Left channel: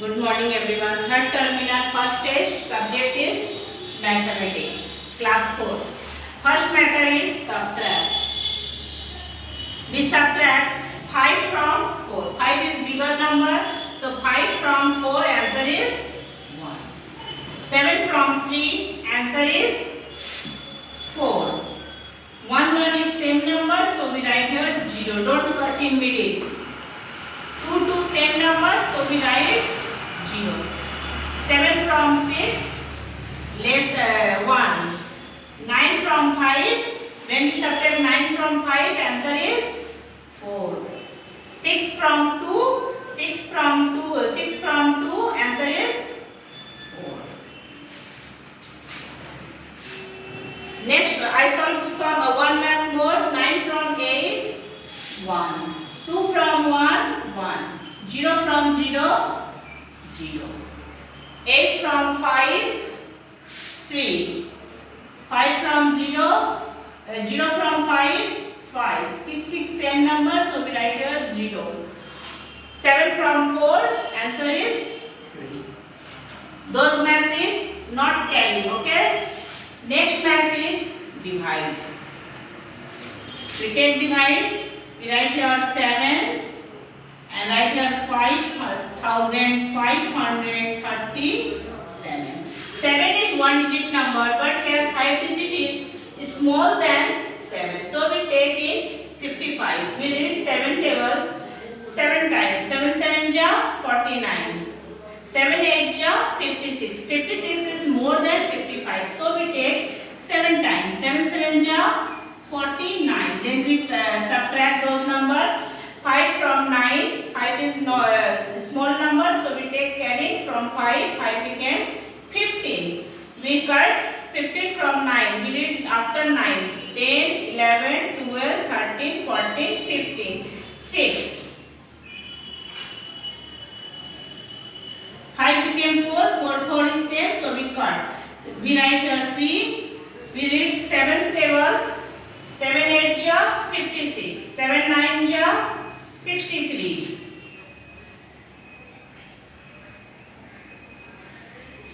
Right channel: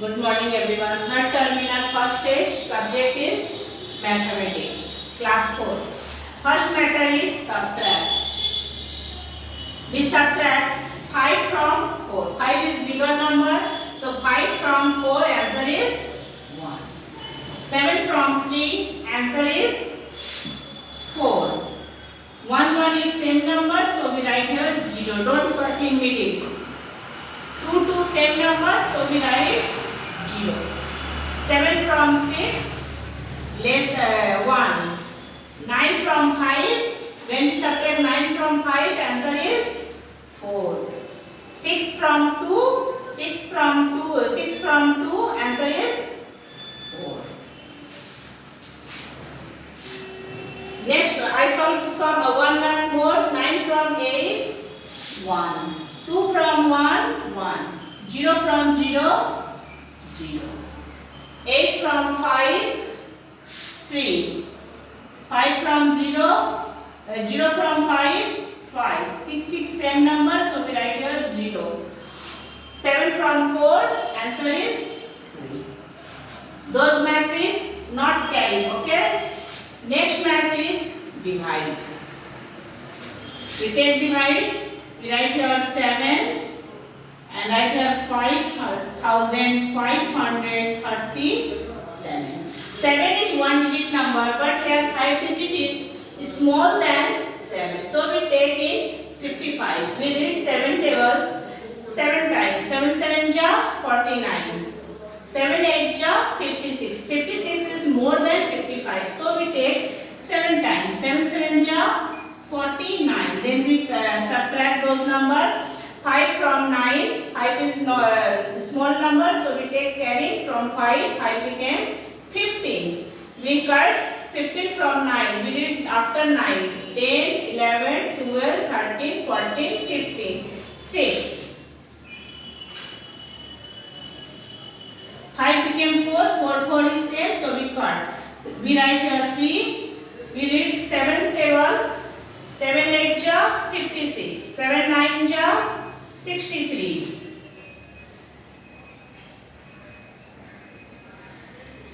Good morning everyone. Third terminal first stage subject is mathematics class 4. First matter is subtract. We subtract 5 from 4. 5 is bigger number, so 5 from 4 answer is 1. 7 from 3 answer is 4. 1 is same number, so we write here 0. Don't cut in middle. 2 same number, so we write 0. 7 from 6 less 1. 9 from 5. When we subtract 9 from 5, answer is 4. 6 from 2. 6 from 2, answer is 4. Next, I solve some one math more. 9 from 8, 1. 2 from 1, 1. 0 from 0, 0. 8 from 5, 3. 5 from 0, 0 from 5, 5. 6, same number, so we write here 0. 7 from 4, answer is 3. Those math is not carrying, okay? Next math is divide. We take divide, we write here 7 and write here 5,537. 7 is one digit number, but here 5 digit is small than 7. So we take in 55. We read 7 table 7 times. 7 7 ja 49. 7 8 ja 56. 56 is more than 55. So we take 7 times. 7 7 ja 49. Then we subtract those numbers. 5 from 9. 5 is small number, so we take carry from 5. 5 became 15. We cut 15 from 9. We did it after 9. 10, 11, 12, 13, 14, 15. 6. 5 became 4. 4 is same, so we cut. We write here 3. We read 7 table. 7 8 ja 56. 7 9 ja 63.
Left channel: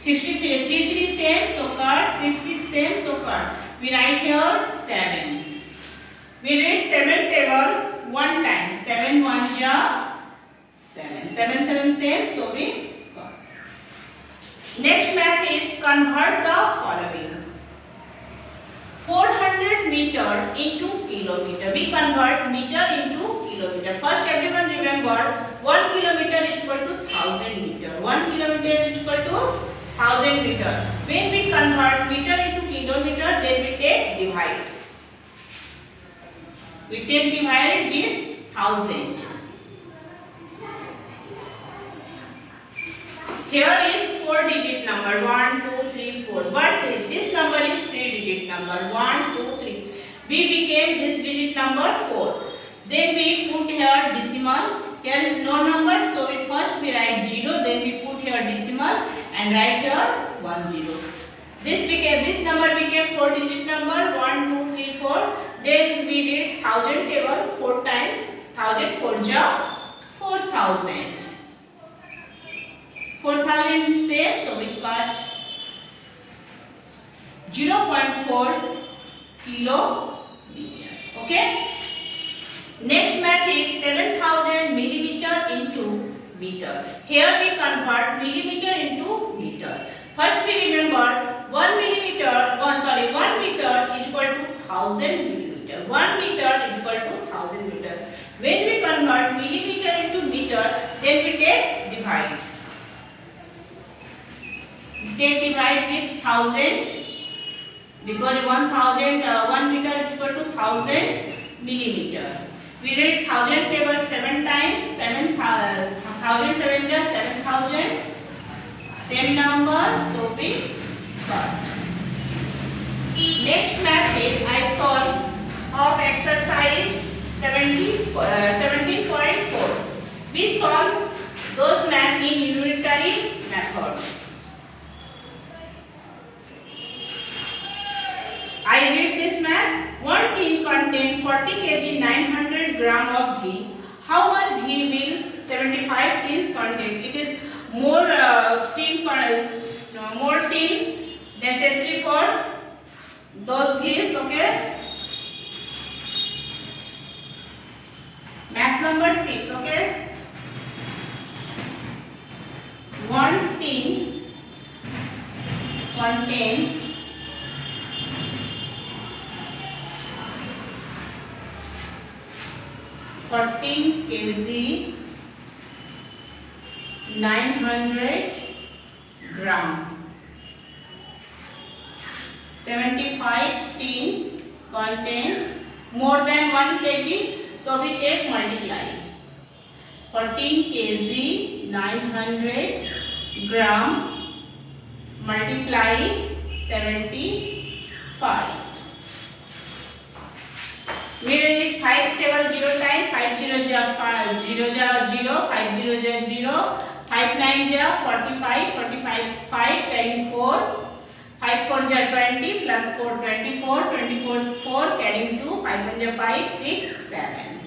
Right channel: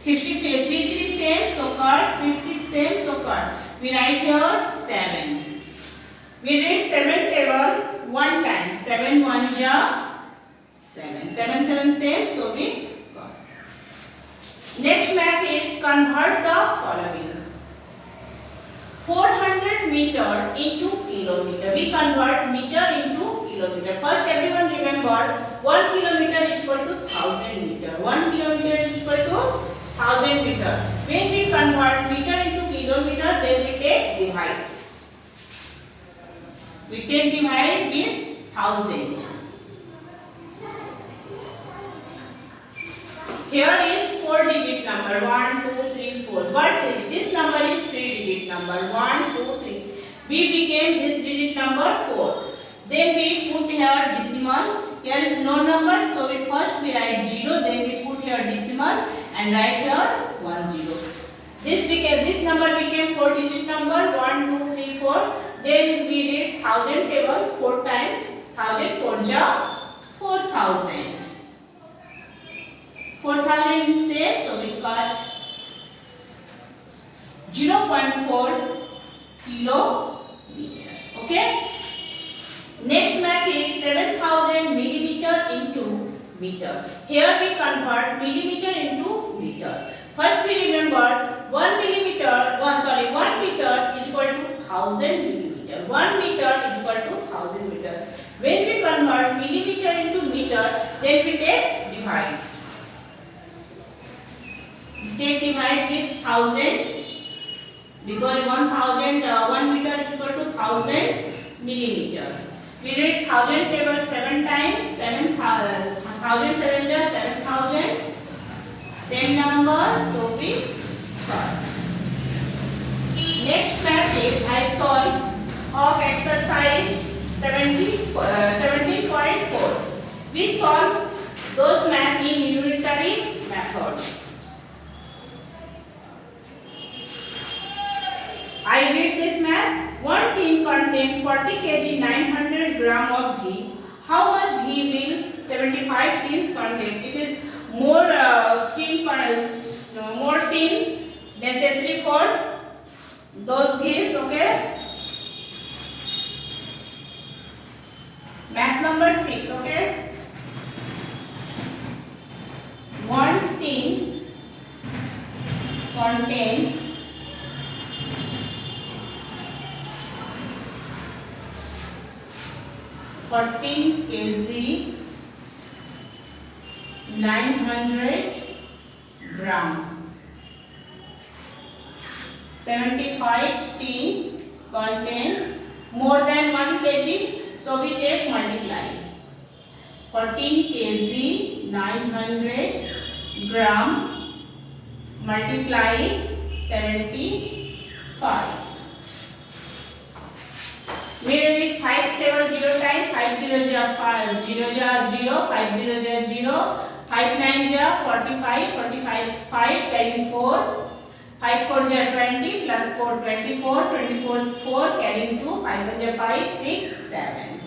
63 3 same, so cut. 6 same, so cut. We write here 7. We read 7 tables 1 time. 7 1 ja 7. 7 same, so we cut. Next math is convert the following. 400 meter into kilometer. We convert meter into kilometer. First, everyone remember 1 kilometer is equal to 1000 meter. 1 kilometer is equal to 1000 meter. When we convert meter into kilometer, then we take divide. We take divide with 1000. Here is 4 digit number 1 2 3 4, but this number is 3 digit number 1 2 3. We became this digit number 4. Then we put here decimal. Here is no number, so we first write 0. Then we put here decimal and write here 10. This number became 4 digit number 1 2 3 4. Then we did 1000 tables 4 times. 1000 4 ja 4000. 4000 is same, so we cut 0.4 kilometer. Okay. Next math is 7000 millimeter into meter. Here we convert millimeter into meter. First we remember 1 meter is equal to 1000 millimeter. 1 meter is equal to 1000 meter. When we convert millimeter into meter, then we take divide. Take divide with 1000 because 1 meter is equal to 1000 millimeter. We read 1000 table 7 times. 1000 7 ja 7000. Same number, so we cut. Next math is I solve of exercise 17.4. We solve those math in unitary method. I read this math. One tin contains 40 kg 900 gram of ghee. How much ghee will 75 tins contain? It is more tin necessary for those gifts. Okay. Math number 6. Okay. One tin contain 14 kg 900 gram. 75 tin contain more than 1 kg, so we take multiply. 14 kg 900 gram multiply 75. We read 5 stable 0 time, 5 0 ja 0 ja 0, 5 0 ja 0, 5 9 ja 45, 45 is 5 carrying 4, 5 4 ja 20 plus 4 24, 24 is 4 carrying 2, 5 1 ja 5, 6 7.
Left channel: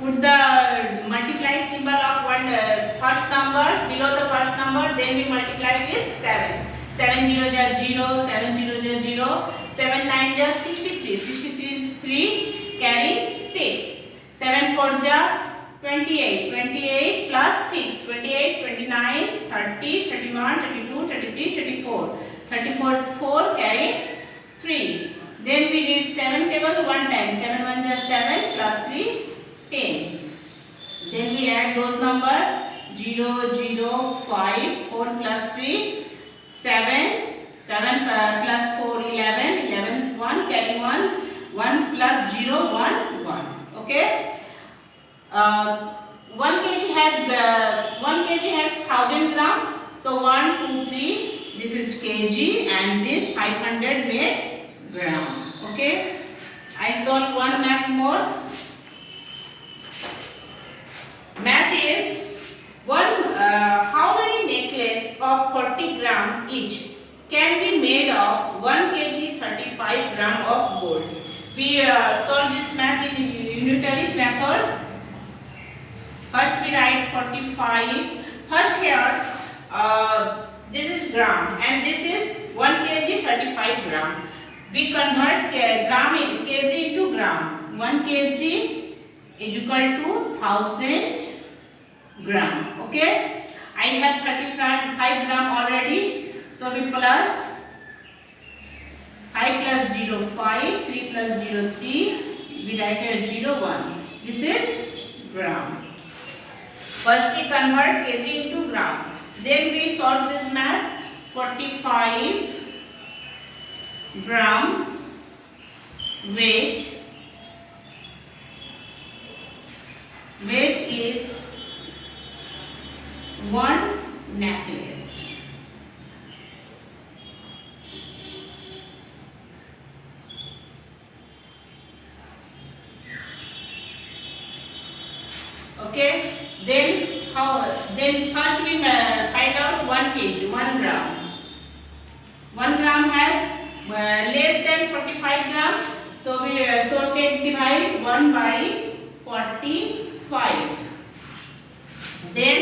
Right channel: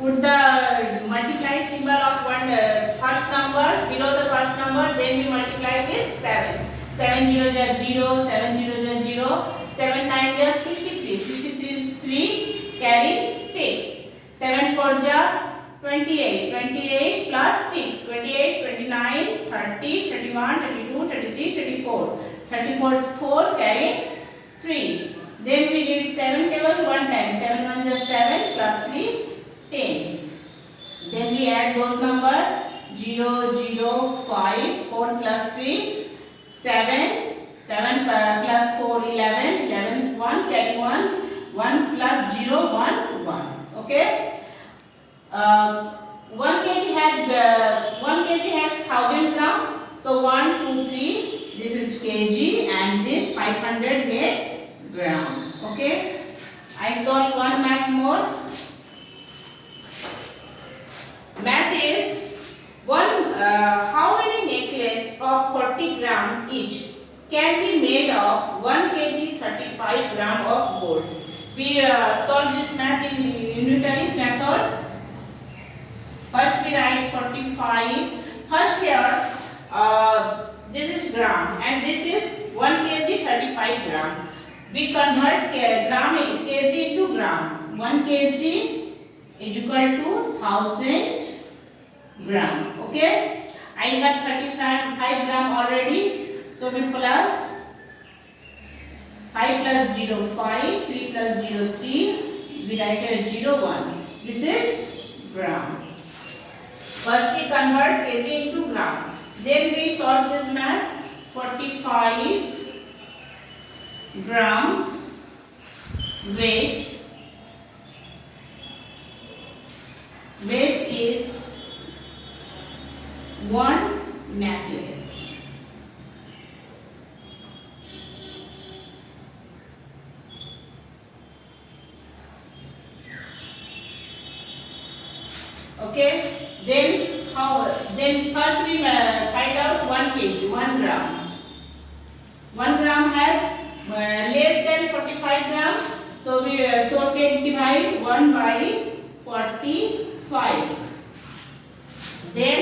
Put the multiply symbol of first number below the first number, then we multiply with 7. 7 0 ja 0, 7 0 ja 0, 7 9 ja 63, 63 is 3 carry 6. 7 4 ja 28, 28 plus 6, 28, 29, 30, 31, 32, 33, 34. 34 is 4 carry 3. Then we read 7 table one time. 7 1 ja 7 plus 3 10. Then we add those number 0 0 5, 4 plus 3 7, 7 plus 4 11, 11 is 1 carry 1, 1 plus 0 1 1. Okay. 1 kg has 1000 gram. So 1 2 3, this is kg and this 500 made gram. Okay. I solve one math more. Math is how many necklace of 40 gram each can be made of 1 kg 35 gram of gold. We solve this math in unitaries method. First we write 45. First here this is gram and this is 1 kg 35 gram. We convert kg into gram. 1 kg is equal to 1000 gram. Okay. I have 35 gram already. So we plus 5 plus 0 5, 3 plus 0 3. We write here 0 1. This is gram. First we convert kg into gram. Then we solve this math. 45 gram weight is 1 necklace. Okay. Then first we find out 1 kg, 1 gram. 1 gram has less than 45 grams. So we take divide 1 by 45. Then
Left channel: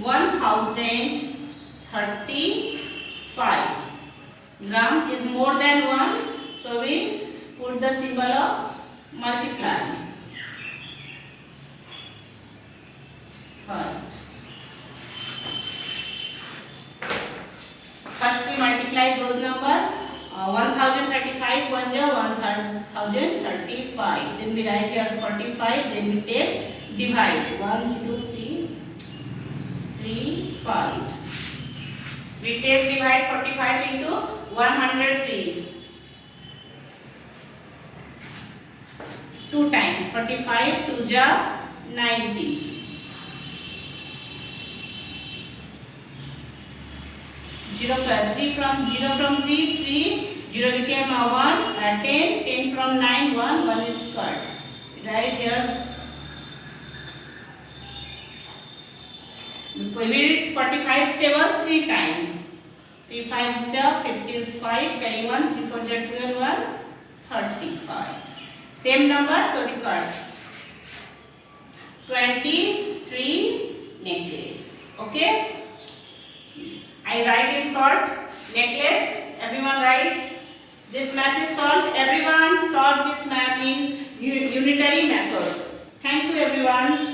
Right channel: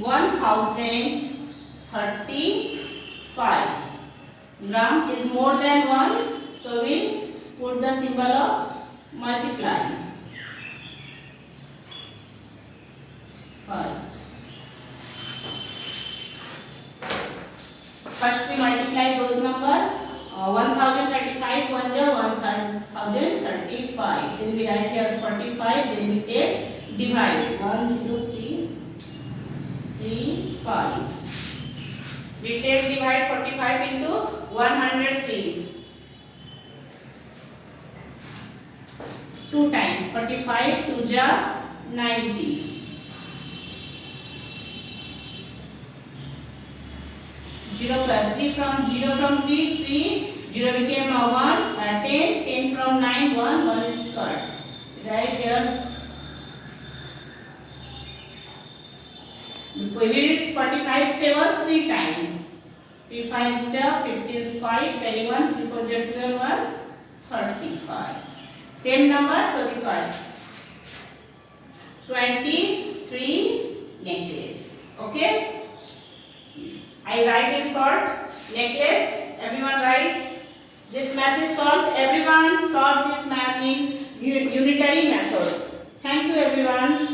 1035 gram is more than 1. So we put the symbol of multiply. 5. First we multiply those numbers. 1035 1 ja 1035. Then we write here 45. Then we take divide 1 2 3 3 5. We take divide 45 into 103. 2 times 45 2 ja 90. 0 plus 3 from 3 0 became 1 10 from 9 1 is cut. Right here we read 45 stable 3 times. 3 5 is 50 is 5 carry 1 3 4 is 12 1 35. Same number, so we cut 23 necklace. Okay. I write in short. Necklace. Everyone write. This math is solved. Everyone solve this math in unitary method. Thank you everyone.